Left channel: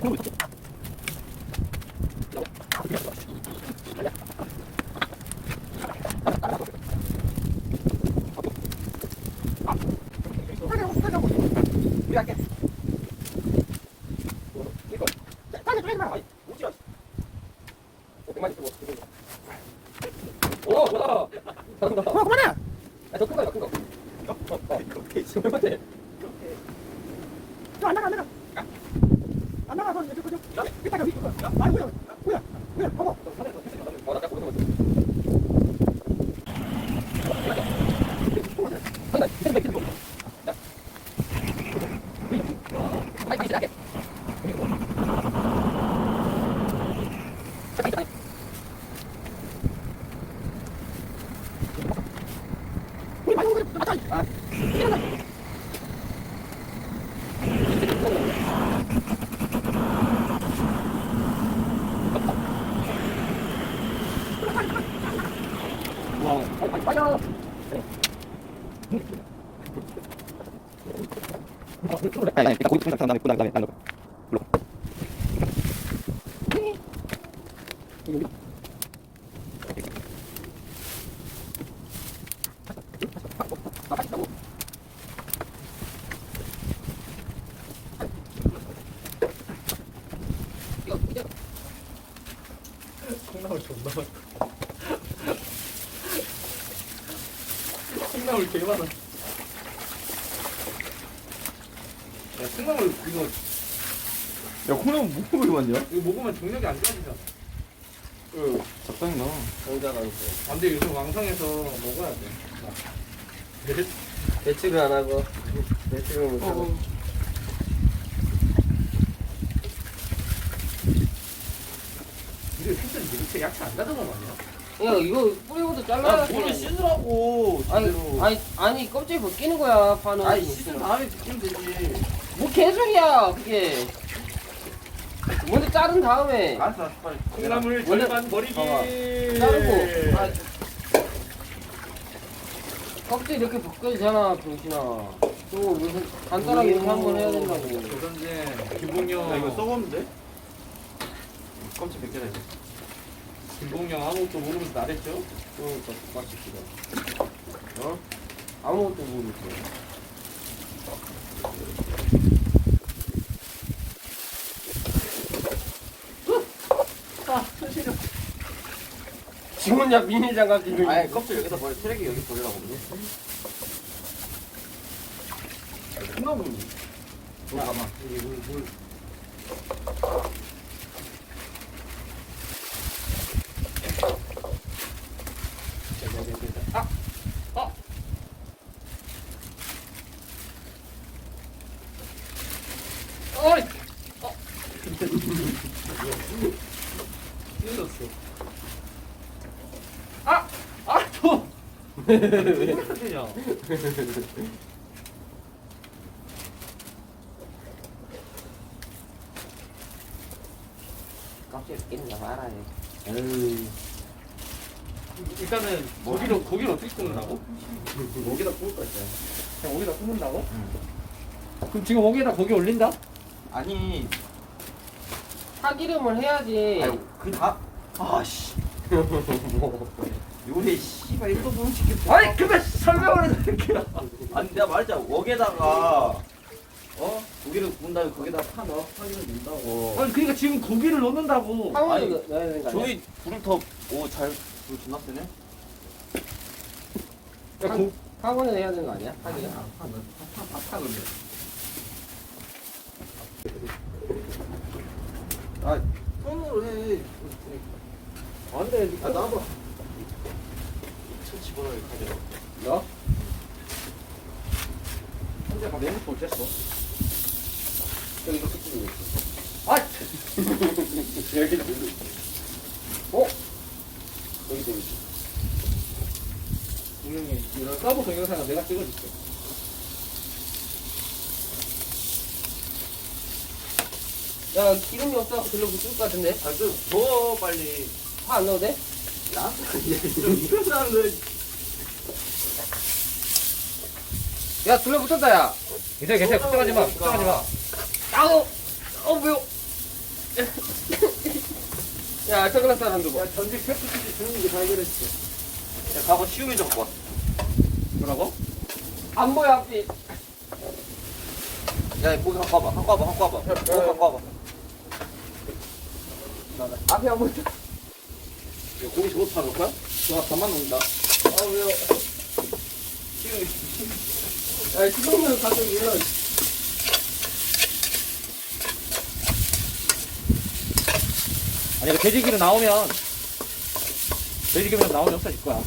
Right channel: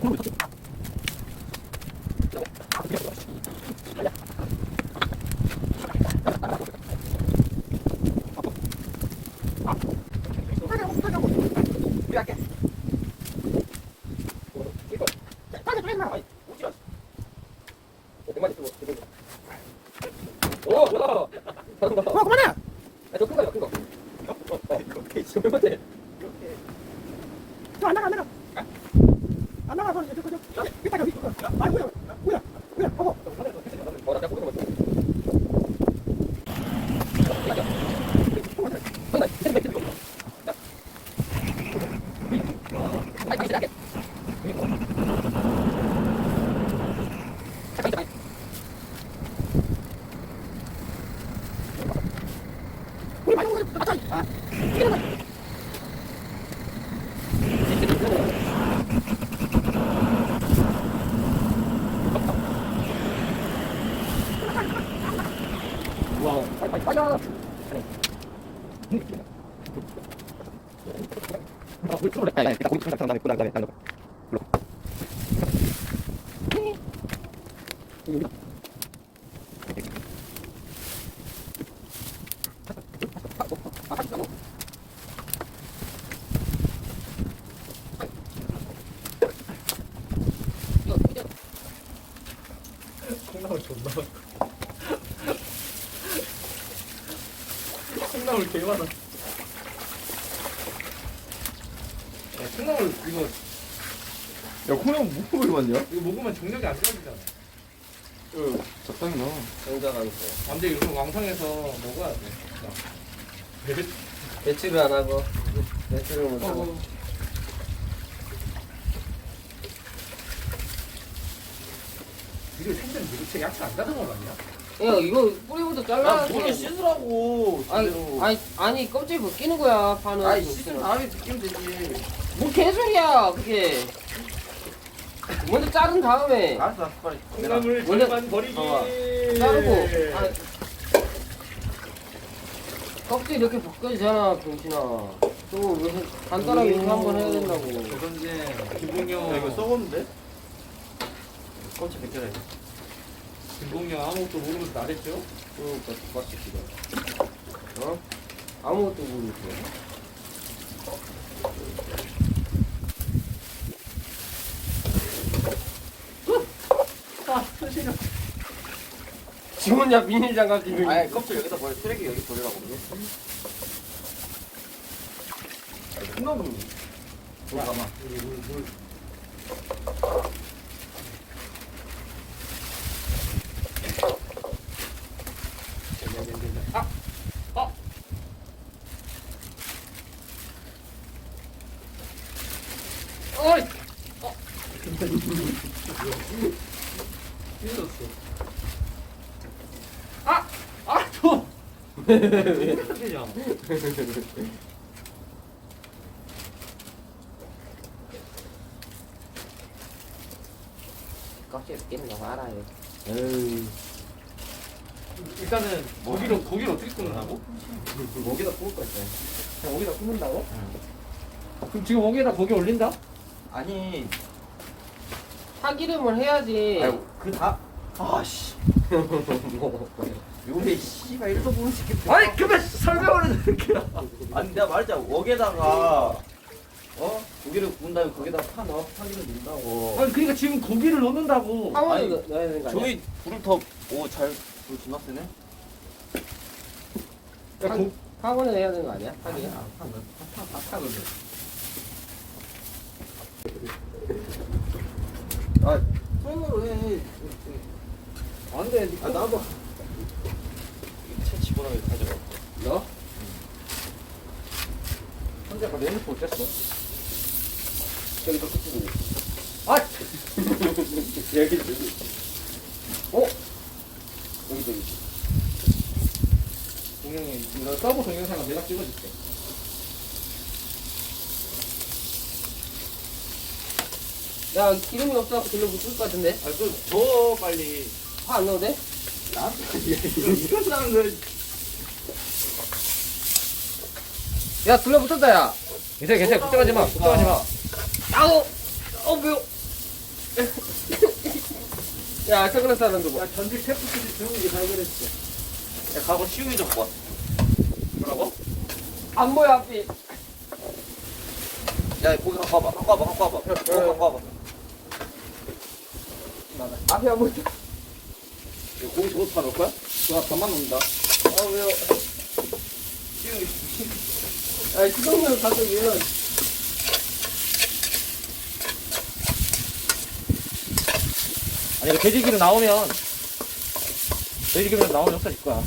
그만해! 더 큰 거야, 큰 거. 첫 번째. 안 나가, 안 나가. 안 나가, 저. 밑에가 밑에 거. 아, 뭐야, 보고. 나 보고 있는 거지. 콩나물 존나 콩나물 되게 많아. 야, 콩나물 이거 야, 콩나물 뭐 먹을 많냐? 이거 먹으면 정력이 안 좋아지잖아. 적당히 넣어. 정자가 있어. 안돼, 요즘 왕성해서 먹어야 돼. 배치를 안 하고 배치를 못 하고. 이거 생선 이렇게 야채 안 다듬어 놨냐? 야 이거 뿌리부터 잘라야 돼. 물에 씻으라고. 아니 껍질 벗기는 거야 파는. 아니, 씻은 다음에 씻으면 되지. 뭐 개소리야 그게. 먼저 자른 다음에 알았어, 빨리. 콩나물 원래- 절반 버리기. 봐봐. 자르고 껍질 이렇게 벗겨지잖아 병신아. 또 무슨 간단하게 이렇게 한번 해야 된다고. 조선진 김봉영. 이거 써보면 돼? 껍질 벗겨야 돼. 김봉영 아무것도 모르면서 나댔죠? 그러니까 똑같이 지금. 어? 아무것도 모르겠어. 지금은 야 비닐장갑 끼고. 아니, 껍질 여기다 버려. 쓰레기 여기 버리라고. 콩나물. 뭐 가마. 물. 어이! 찔렀어. 또! 왜 그러냐? 껍질 끼는 거 알아야 돼. 에이. 일단은 고기를 어떻게 굽는다고? 여기다 구울 거 있어. 그냥 여기다 굽는다고? 그럼 지금 여기에다 고기 올린다? 아니, 파기름을 해야지. 아유, 아씨. 요리 씨발 이렇게 보면 시켰어. 아니 그만 설명을 해도 이렇게. 아니 내가 말했잖아. 웍에다가 고기를 구운 다음에 거기다가 파 넣어 파기를 넣는다고. 아니 그러니까 지금 고기를 넣는다고. 파문을 아니, 넣어야 되는 거 아니야? 저기 불을 불 존나 세네. 파문을 해야 되는 거 아니야? 파기름? 파 근데. 손으로 해. 안 돼. 나도. 채 집어넣어 가져가. 너? 혼자 가면 핸드폰 뺐어. 저기도 끝으로. 아! 여기. 여기. 동영이 이런 서브 동영상은 내가 찍어줄게. 야 기름이 없어갖고 들러 붙을 것 같은데? 좀 줘 빨리. 파 안 넣어도 돼? 나? 이런 사람들. 야 둘러 붙었다 야. 괜찮아. 걱정하지 마. 걱정하지 마. 야우! 매워! 야, 선글라스 하나 줘봐. 전지 테프 수지 주는 게 다 해결했어. 야, 가서 시우미 좀 갖고 와. 뭐라고? 안 보여, 앞이. 야, 고기 갖고 와봐. 갖고 와봐. 갖고 와봐. 고기 갖고 와봐. 앞에 안 보여. 이거 고기 저거 다 넣을 거야? 와, 밥만 먹는다. 아, 왜요? 아니, 수박면 가족이는. 아니, 그 돼지기름 나오면 역사 줄 거야.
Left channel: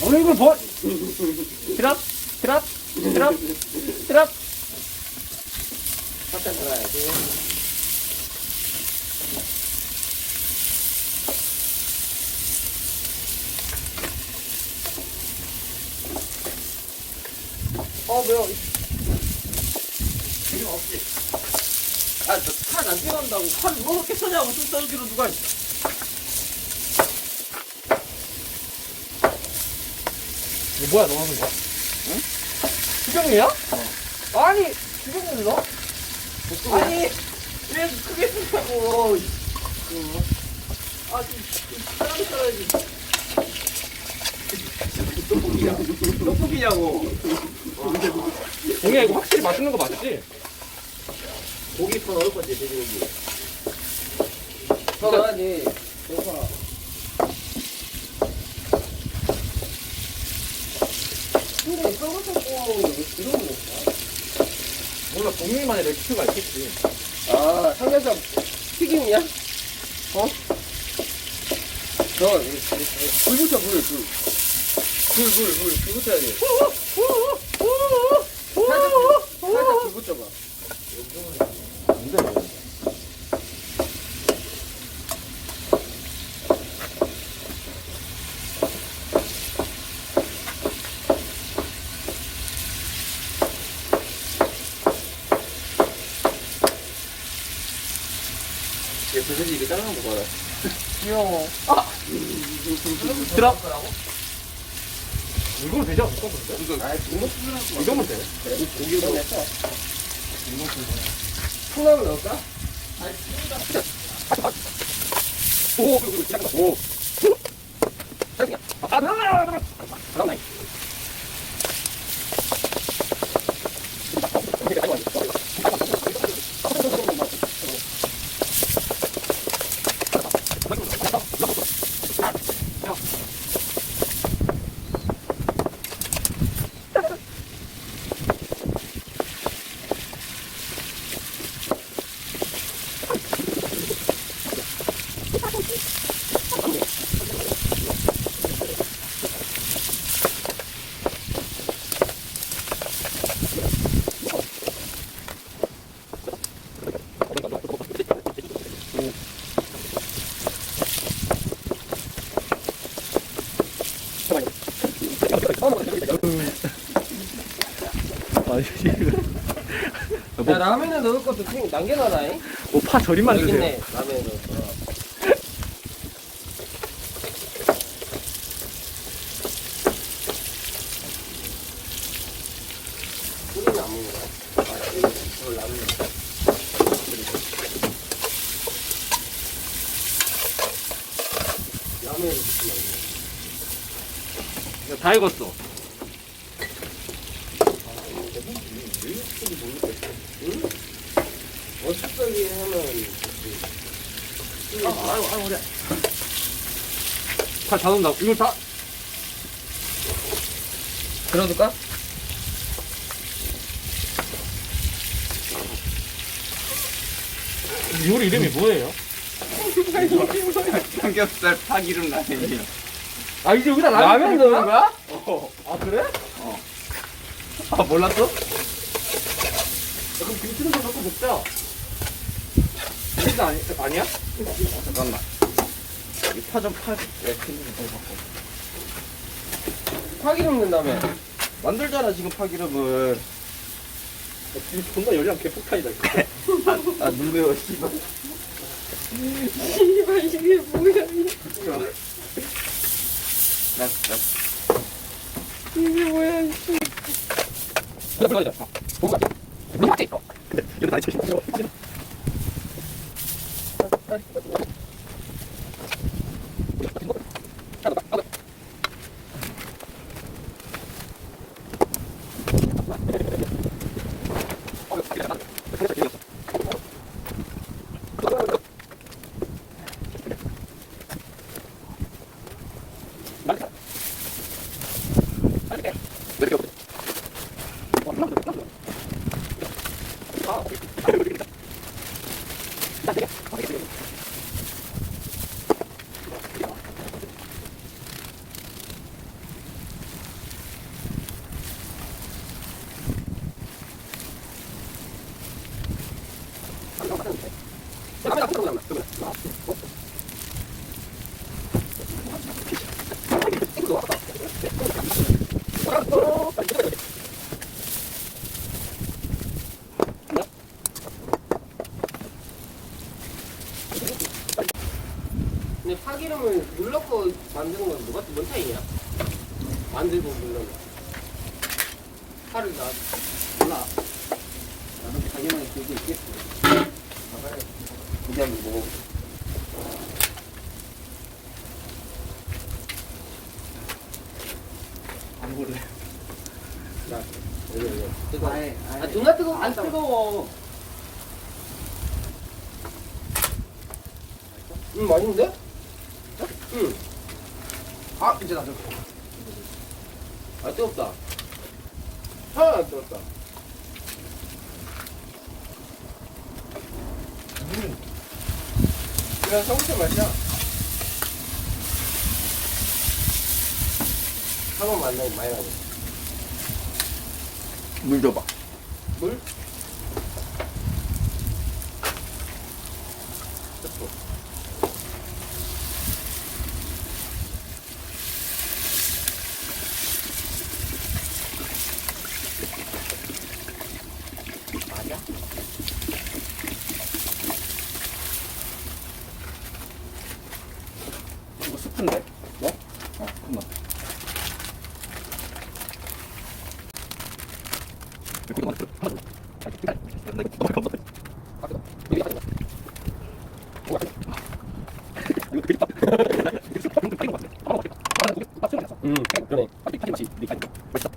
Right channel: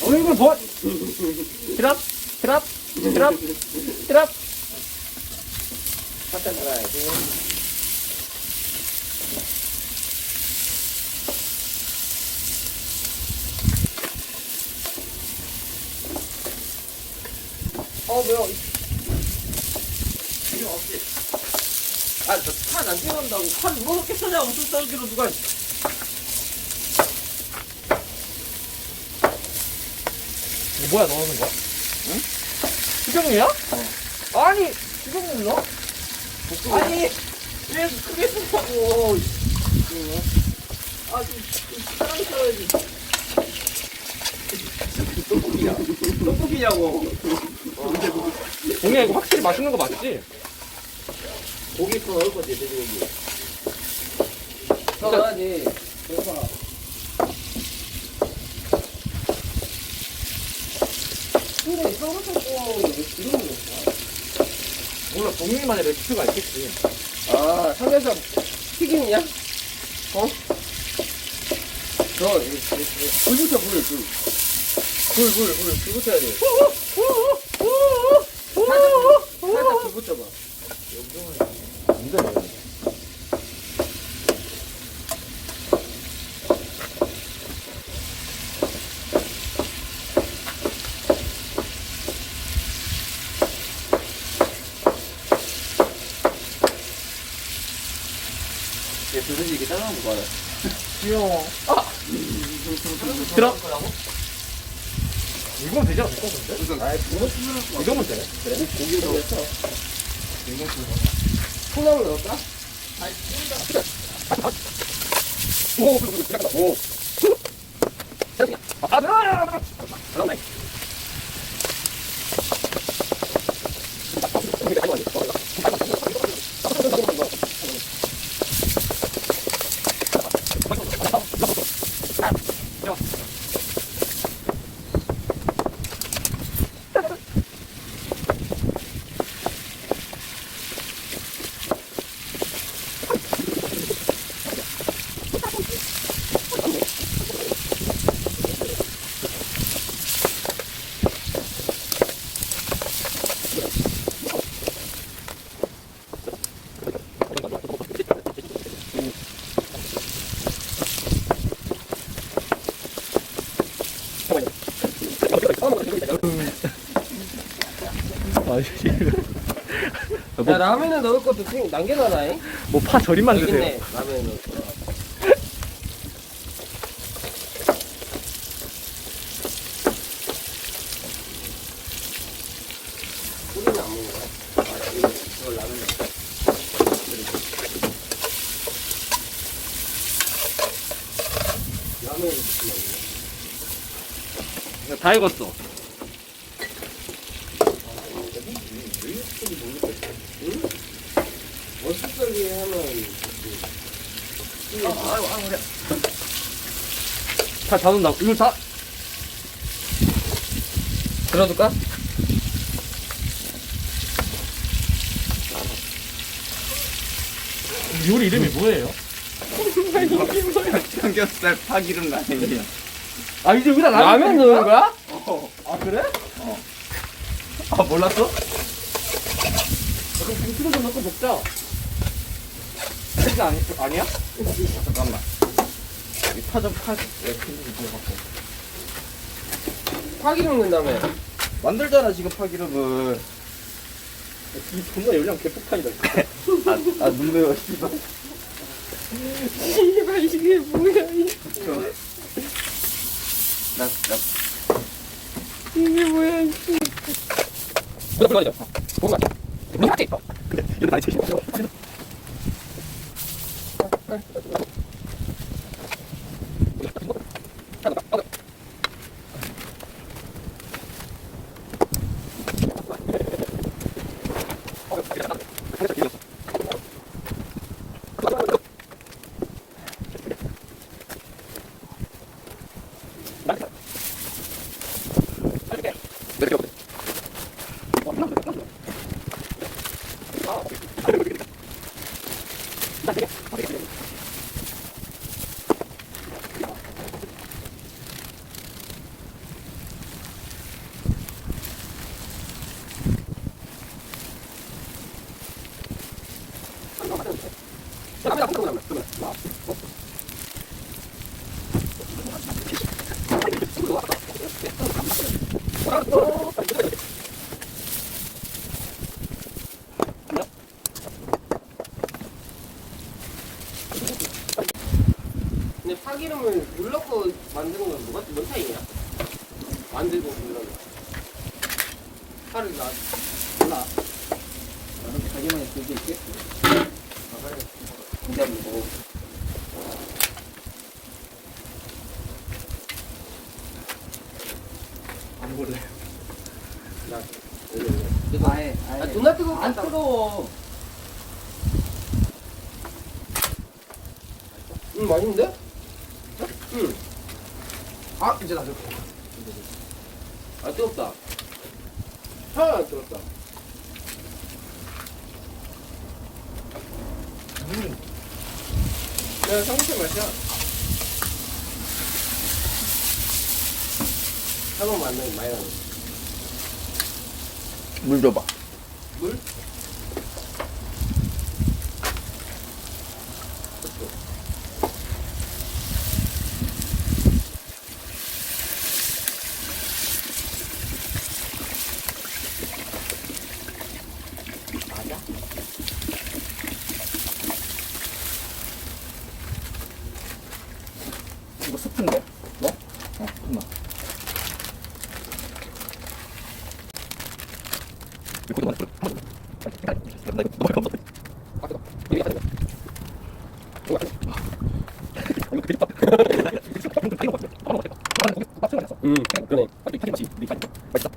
오늘 이거 뭐? 트랍, 트랍, 트랍, 트랍. 살짝 들어야지. 매워. 이거 없지? 아, 저판안 들어간다고. 판 누가 그렇게 쳐냐? 무슨 소리로 누가. 이거 뭐야, 넣는 거야? 응? 수정이야? 아니, 수정이 너? 아니, 왜 크게 쓰냐고. 아, 좀 편하게 써야지. 떡볶이냐고. 동이야, 이거 확실히 맛있는 거 맞지? 고기 더 넣을 거지, 돼지고기. 써놔야지. 여보가. 근데 쌍꺼풀 구워먹는 게 그런 거야? 몰라, 본인만의 레시피가 있겠지. 아, 삼겹살 튀김이야? 어? 불 붙여, 불. 불 붙여야 돼. 살짝 불 붙여봐. 이거 뭐야? 얘 도대체 이게 잘라놓은 거 봐요. 귀여워. 들어. 이거면 되지 않을까, 근데? 아, 이거면 돼. 그래? 고기를 더 넣자. 콩나물 넣을까? 오. 아, 나와. 야, 라면에 넣을 것도 남겨놔라잉? 뭐파 절임만 여기 주세요. 있네, 라면에 넣었어. 소리는 안 먹는 거야? 이걸 라면에 라면에 넣었어. 다 익었어. 어떻게 하면 아이고, 어려. 다 넣는다. 이거 다. 들어줄까? 요리 이름이 뭐예요? 삼겹살 파기름 라면이야. 아, 이제 여기다 라면 넣은 거야? 아, 그래? 아, 몰랐어? 그럼 김치도 좀 넣고 먹자. 이거 아니야? 잠깐만. 이 파전 왜 캔디 좀 갖고. 파기름 넣는다며. 만들잖아, 지금 파기름을. 지금 존나 열량 개폭탄이다. 아, 눈 매워, 씨발. 씨발, 이게 뭐야, 나, 이게 뭐야, 잠깐만요. 맞지? 근데 이거 나이 제일 싫어. 근데 파기름을 눌러서 만드는 건 뭐가 뭔 차이냐? 만들고 눌러. 파를 나 몰라. 나는 자기만의 그게 있겠어. 그냥 뭐 안 볼래. 아예 아 누나 뜨거워. 안 뜨거워. 맛있는데? 응. 아 이제 나도. 아 뜨겁다. 하나 안 뜨겁다. 야 성우씨 맛이야. 한번 만나면 많이 나오고. 물 줘봐. 물? 맞아? 이거 스프인데? 뭐? 잠깐만. 이거 고기 많아. 나 이거 너무 감사해. 이게 아니야. 이거 되게 빡. 그래. 아니 파김치 이거 맛있다.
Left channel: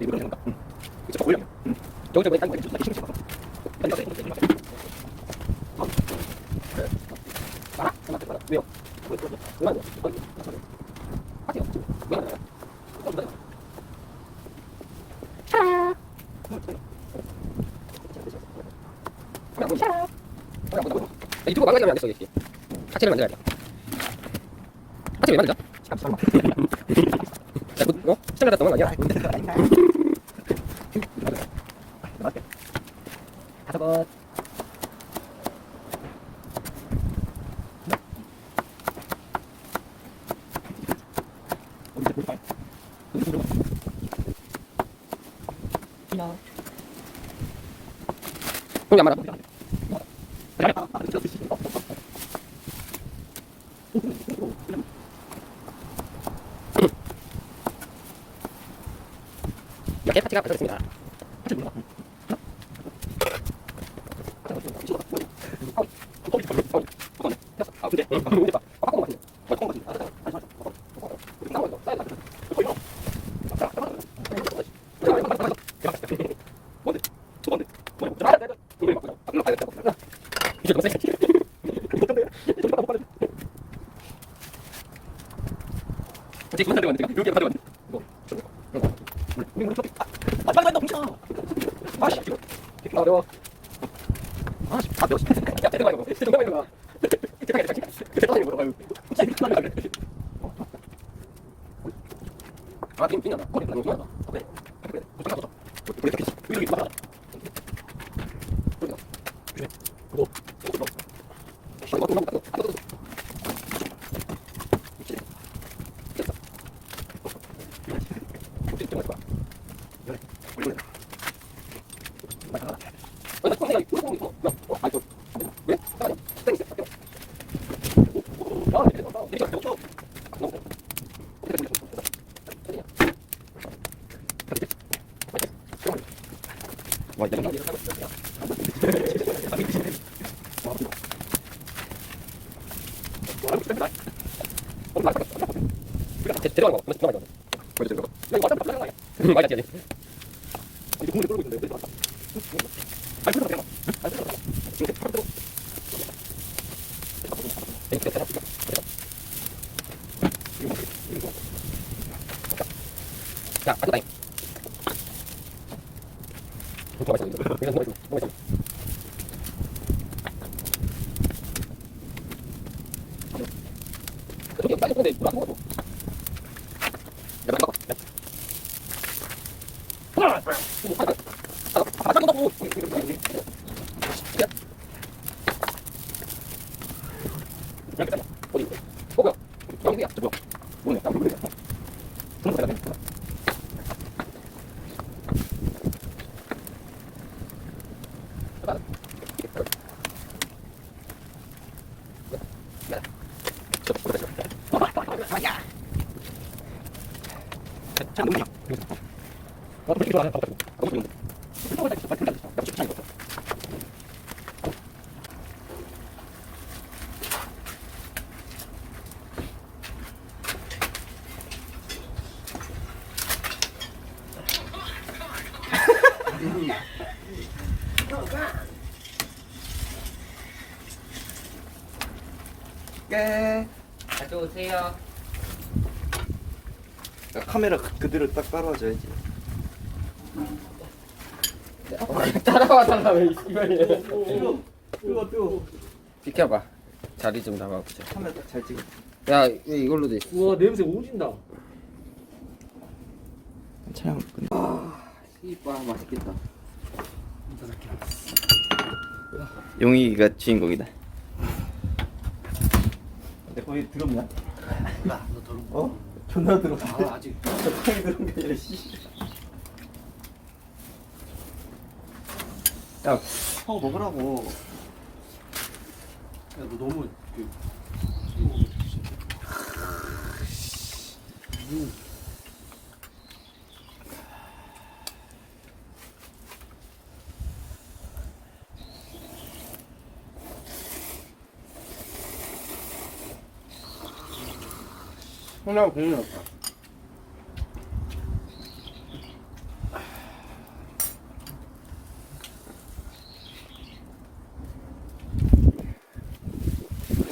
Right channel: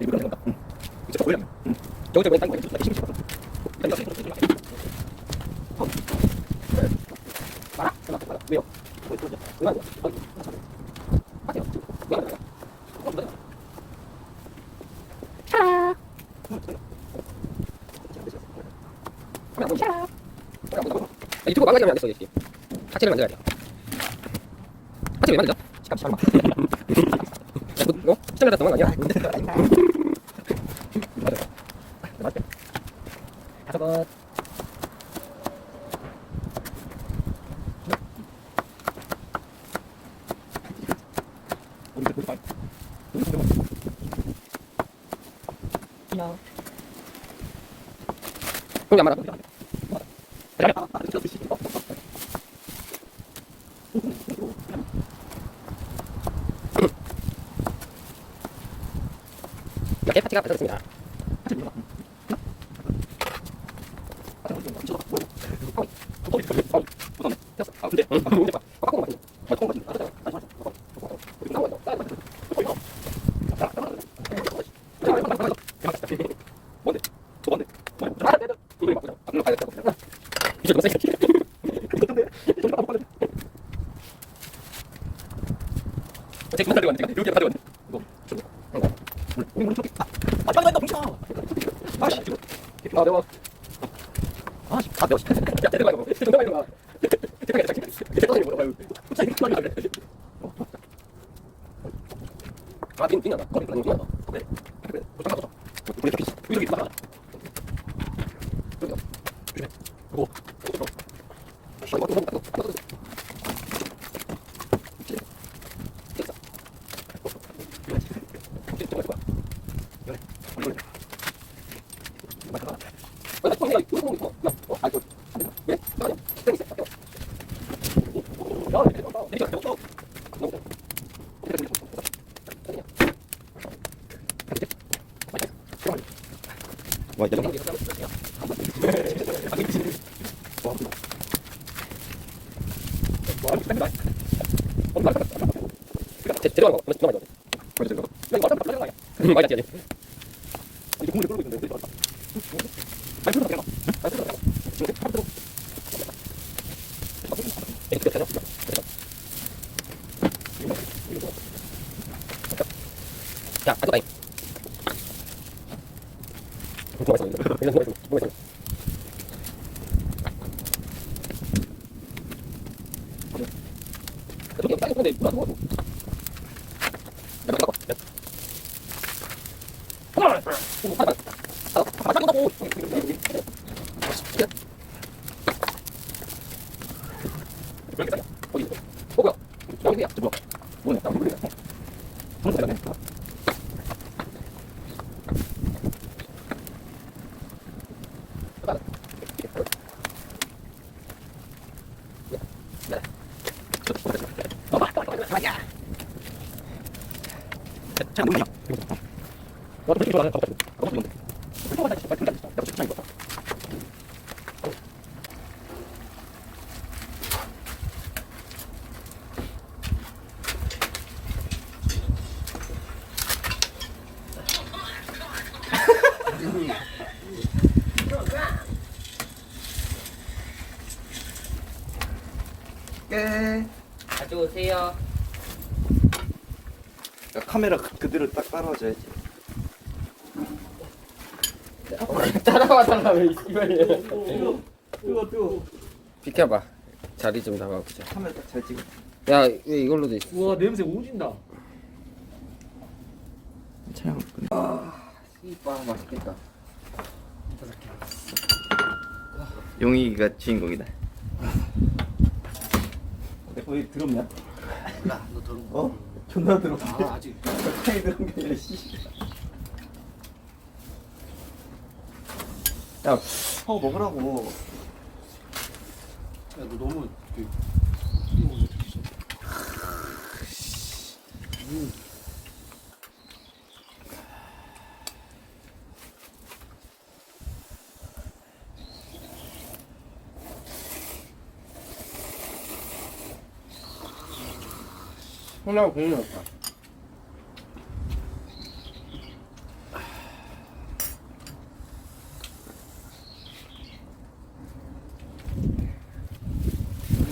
이거 넣는다. 이거 거의. 저거 좀 딴거 있어. 신경 써. 말아? 말아? 왜요? 왜요? 할게요. 왜 그래요? 유튜브 망가지면 안 됐어, 이 새끼. 하체를 만들어야 돼. 하체 왜 만들자? 잠깐만. 야, 이거 시장 나갔던 건 아니야? 다섯 번. 그럼 안 말아. 이렇게 파티가 완성됐습니다. 어제 그만 가져갔는데 이렇게 가져갔는데 아 빨리 나 뭉쳐 아씨 아 매워 아씨 다 매워 야 대박 이거 정답 이거 대박 이거 아 빈나다 거기 아니 빈나다 그래 그래 그래 가져 이렇게 막아 그래 그거 와 이거 제대로 하는 거 한번 들어가자. 그렇죠. 이거 맞다 맞다 맞다. 많이 낫지. 이제 국물을 끓고 있는데. 아니 그래도 그냥. 아니 그래도 지금 바로 자, 아까 나이. 그게 빨리 근데 뭐 하는 거야? 야, 봐. 어디? 뭐야? 여기야. 저 뭐야? 뭐냐? 나 모르겠어. 저는 잘하네. 참 너무 너 되게 좋아하는 거 같아. 너무 좋은데. 깨. 가져오세요. 카메라 그대로 딱 따라줘야지. 따라와 달라며 이거를. 뜨거. 비켜봐. 자리 좀 잡아보자. 카메라 딱 잘 찍어. 야, 왜 이걸로도 있어? 우와 냄새 오진다. 참. 이빠 맛있겠다. 용이가 주인공이다. 내 거기 더럽냐? 야, 너 더러운 거. 어? 존나 더럽다. 아, 아직. 적당히 더러운 게 아니라 씨. 야, 하고 먹으라고. 야, 너 너무 그. 형랑 별로 없다.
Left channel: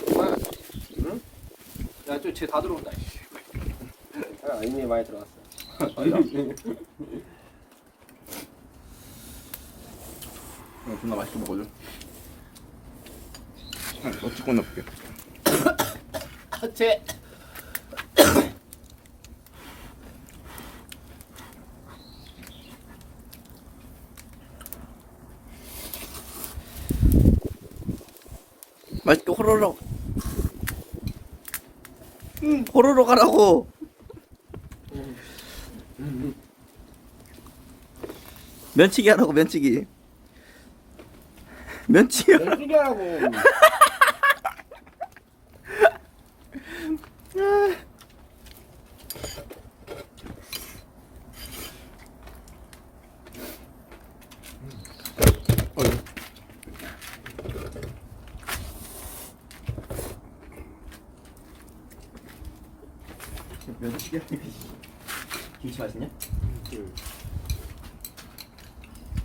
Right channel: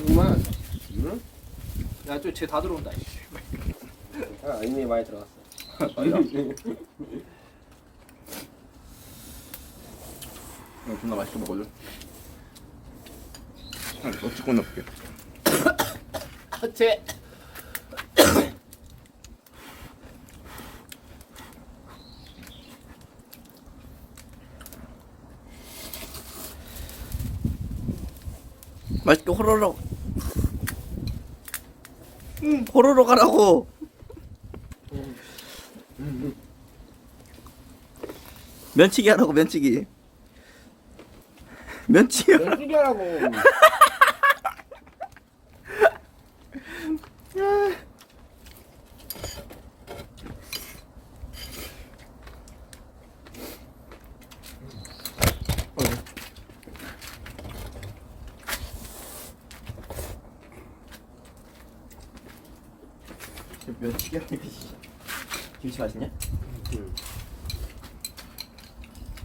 엄마야. 응? 야, 쟤다 들어온다. 아, 이미 많이 들어갔어. 존나 맛있게 먹어줘. 어찌 넣을게. 쟤. 맛있게 호로록. 호로록 하라고. 면치기 하라고 면치기. 면치기. 연습이라고. 면치기 하는 게 김치 맛있냐?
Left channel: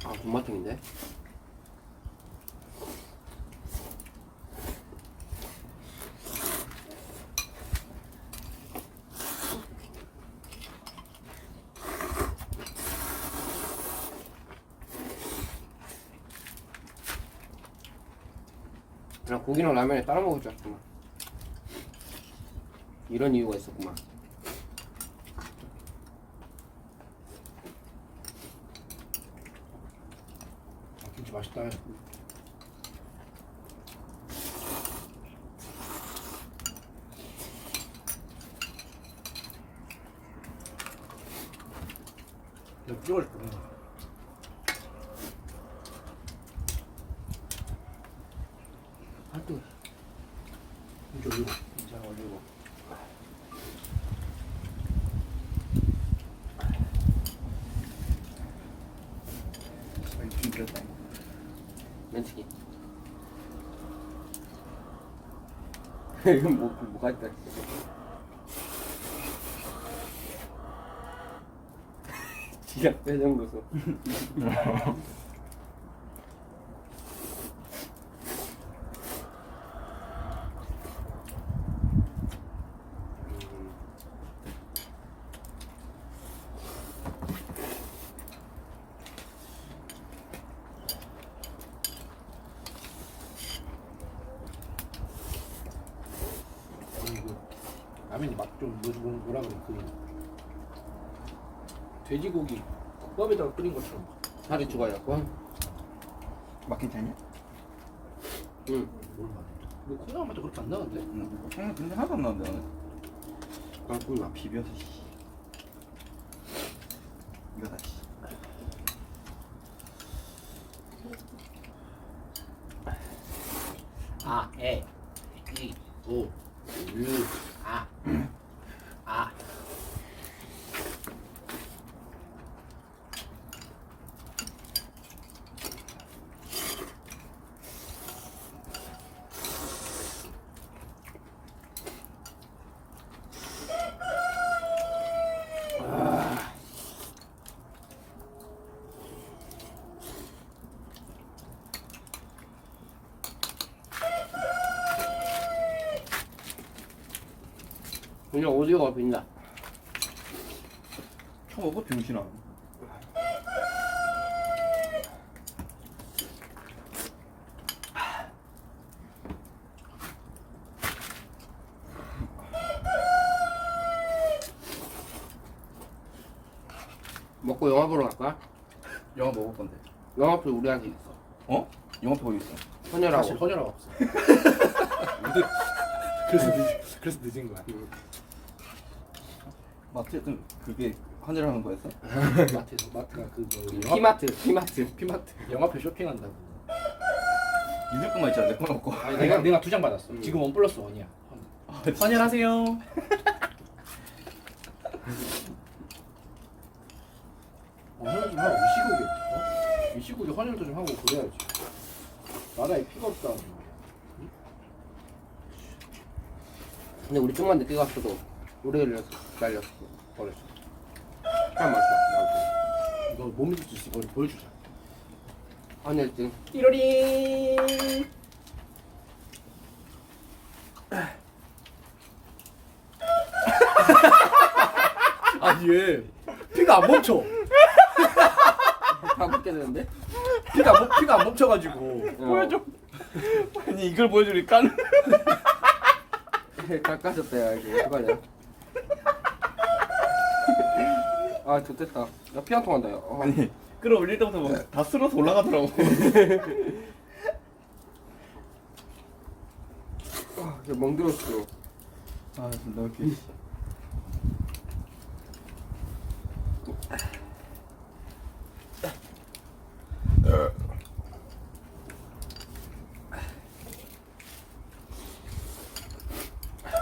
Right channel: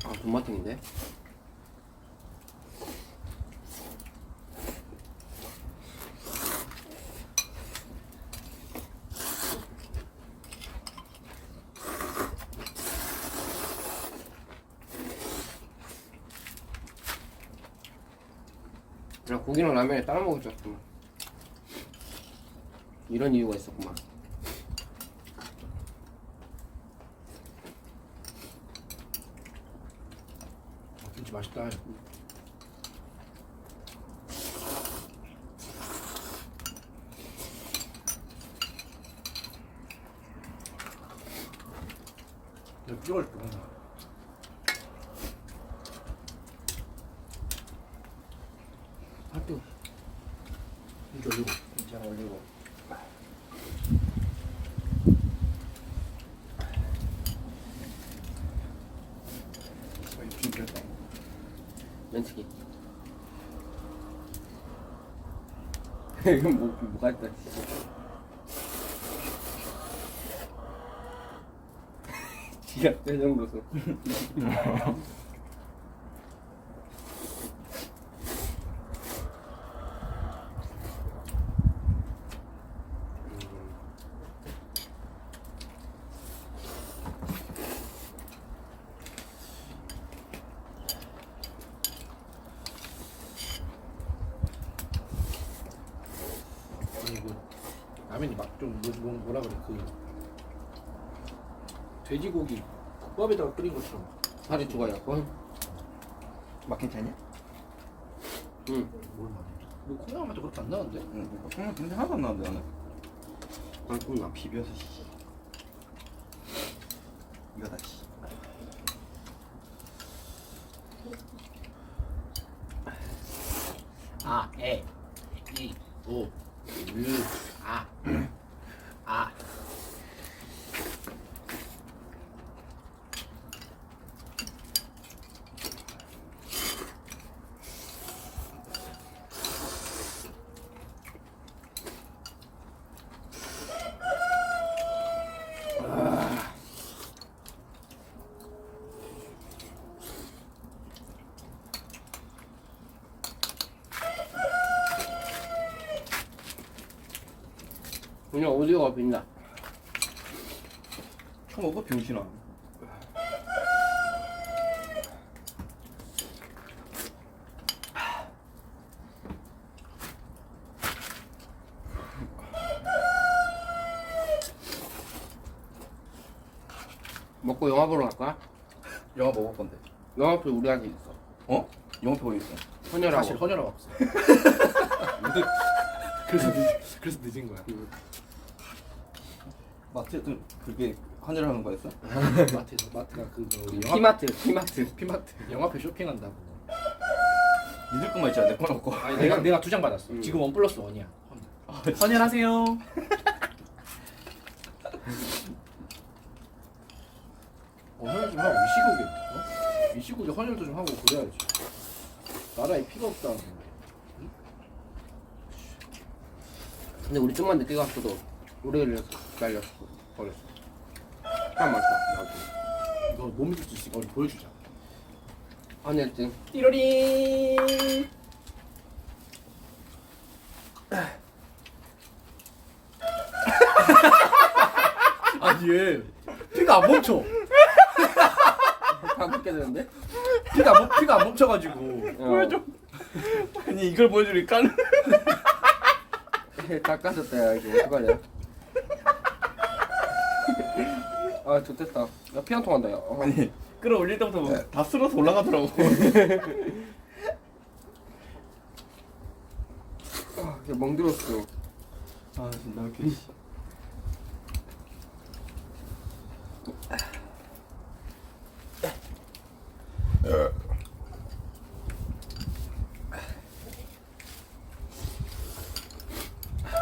아, 곰마탱인데? 그냥 고기랑 라면에 따라 먹을 줄 알았구만. 이런 이유가 있었구만. 김치 맛있다. 야, 찍어줄게. 하여튼 김치 올리고. 진짜 올리고. 김치 면치기. 이건 뭐가 있다. 지가 빼정로서. 아니 그 라면이 맛좀 뭐라 그래 그 돼지고기 국밥에다가 끓인 것처럼. 살이 죽어요. 맛 괜찮냐? 응. 뭘 맛? 뭐 콩나물 맛도 그렇게 안 나는데? 응. 콩나물 근데 하나도 안 나는데 나는. 맛있구나. 비벼서 씨. 이거다 씨. 아, 에, 이, 오, 르, 아, 아. 그냥 오디오가 빈다. 처음 먹어 병신아. 먹고 영화 보러 갈까? 영화 먹을 건데. 영화표 우리한테 있어. 어? 영화표 어디 있어? 헌혈하고. 사실 헌혈하고 왔어. 그래서 늦은 거야. 마트에 그게 환율하는 거였어? 마트가 그 우리 영화 피마트. 피마트 영화표 쇼핑한다고. 니들 것만 있잖아. 내 거는 없고. 아니 내가 2장 받았어. 지금 1+1이야. 환율하세요. 헌혈 좀 하고 이 시국에 이 시국에 헌혈도 좀 하고 그래야지. 나라에 피가 없다는 거야. 근데 우리 좀만 늦게 갔어도 오래 날렸어. 버렸어. 참 맛있어. 나도. 이거 못 믿을 수 있으니까 우리 보여주자. 헌혈증. 띠로링. 아니 얘 피가 안 멈춰. 다 먹게 되는데? 피가 안 멈춰가지고. 보여줘. 아니 이걸 보여주니까. 깎아줬다 야 이거 어떡하냐. 아 좋됐다. 야 피 한 통 한다 야. 아니 끌어올릴 때부터 뭐 다 쓸어서 올라가더라고. 멍들었어. 아 존나 웃겨.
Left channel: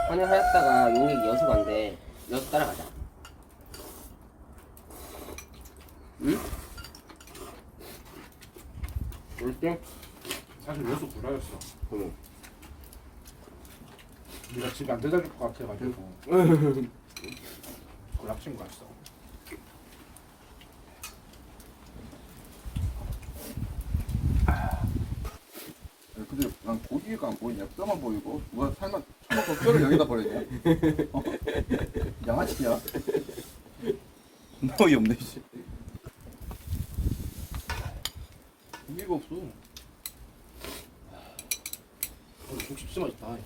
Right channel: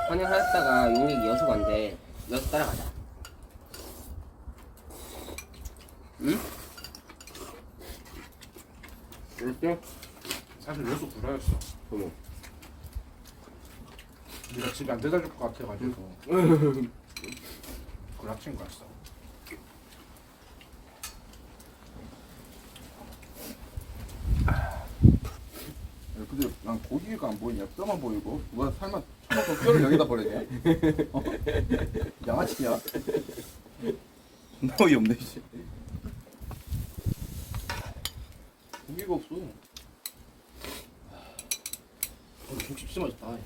헌혈하였다가 용액 여수 간대. 여수 따라가자. 응? 그렇지? 사실 여수 구라였어. 그럼. 네가 집에 안 데려다 줄 것 같아가지고 그걸 합친 거였어. 근데 난 고기가 안 보이냐? 뼈만 보이고 누가 살만 쳐먹고 뼈를 여기다 버리냐? 어? 양아치야? 존나 어이없네 씨. 고기가 없어. 김치 진짜 맛있다.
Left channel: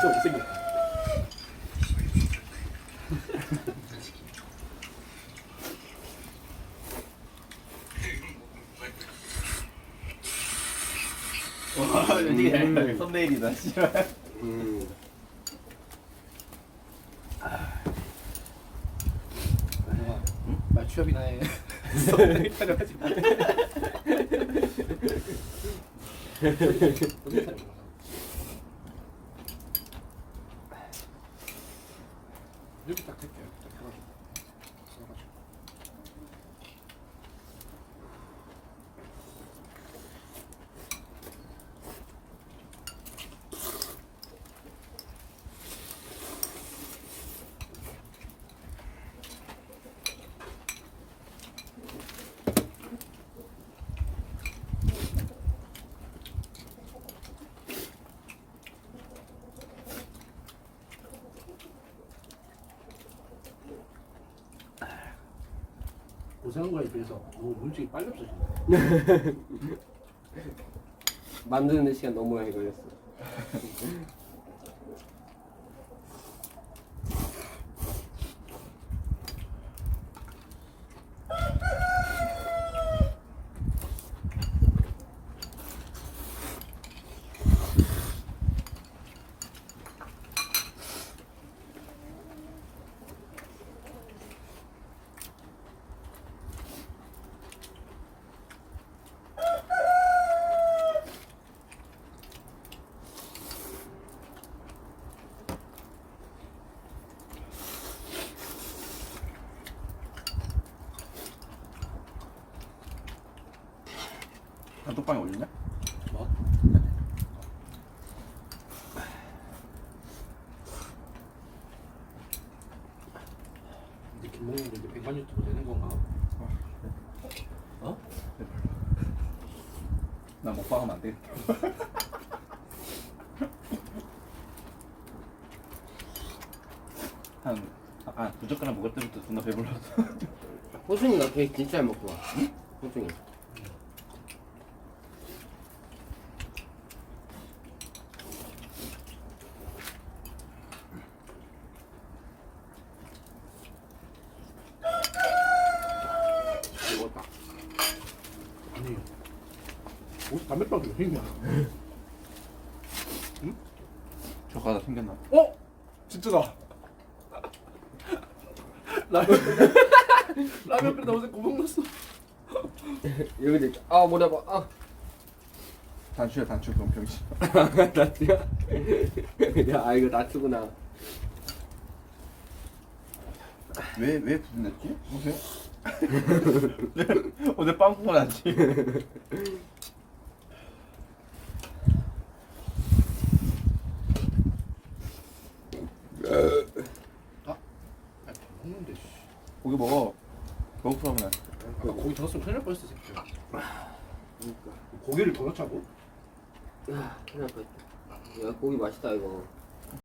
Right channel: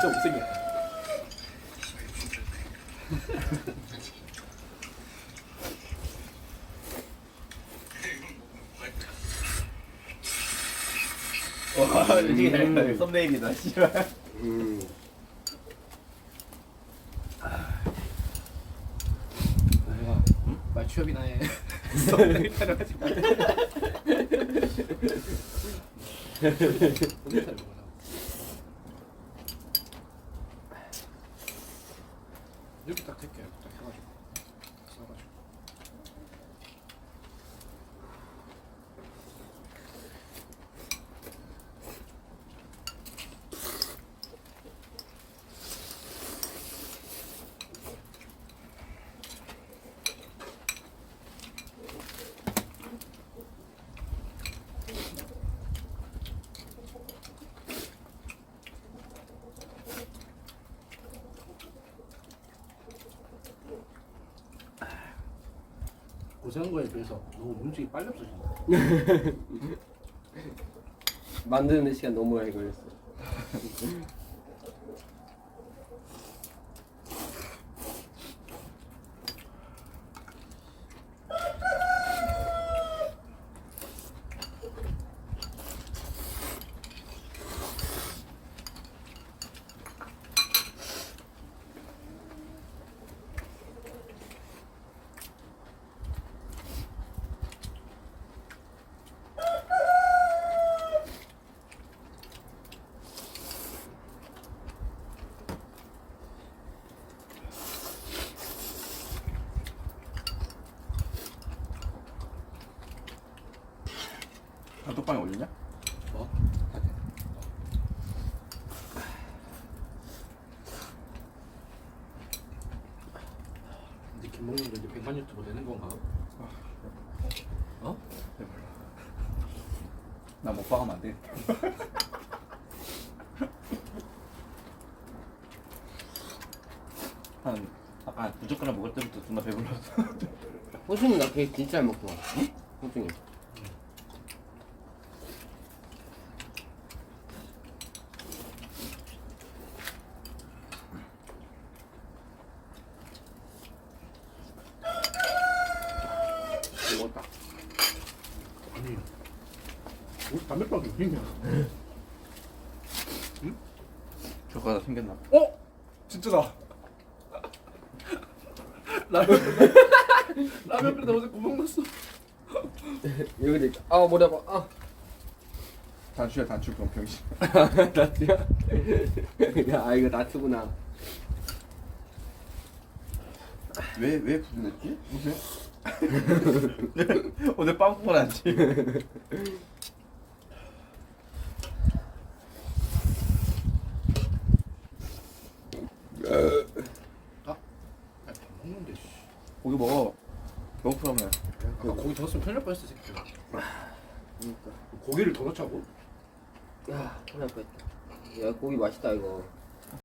진짜 못생겼다. 와 이게 썸네일이다 씨발. 나중아, 말 취업이나 해. 썸네일 촬영하지 마. 삼겹살 먹어. 이렇게 딱 될게요. 이렇게 딱 해가지고 써가지고. 고생한 거에 비해서 너무 문책이 빨리 없어진다. 만드는 시간 너무 많이 걸렸어. 단톡방에 올리냐? 뭐? 근데 김먹는 거 이제 100만 유튜브 되는 건가? 어? 나 먹방하면 안 되겠다. 한 아까 두 젓가락 먹을 때부터 존나 배불렀어. 호중이 나 케이크 진짜 잘 먹더라. 호중이. 먹었다. 아니, 우리 담배빵이 왜 있냐? 젓가락 생겼나? 어? 진짜다. 라면 끓이다 어제 구멍 났어. 여기도 있다. 아 머리 아파. 아. 단추야 단추 그럼 병신. 나트야? 야 이거 나트구나. 왜 부분냈지? 무슨? 어제 빵 먹고 났지. 아, 다 먹는데 씨. 고기 먹어. 배고프다며. 아까 고기 더 넣었으면 큰일 날 뻔했어 새끼야. 그러니까. 고기를 더 넣자고? 야 큰일 날 뻔했다. 야 고기 맛있다 이거.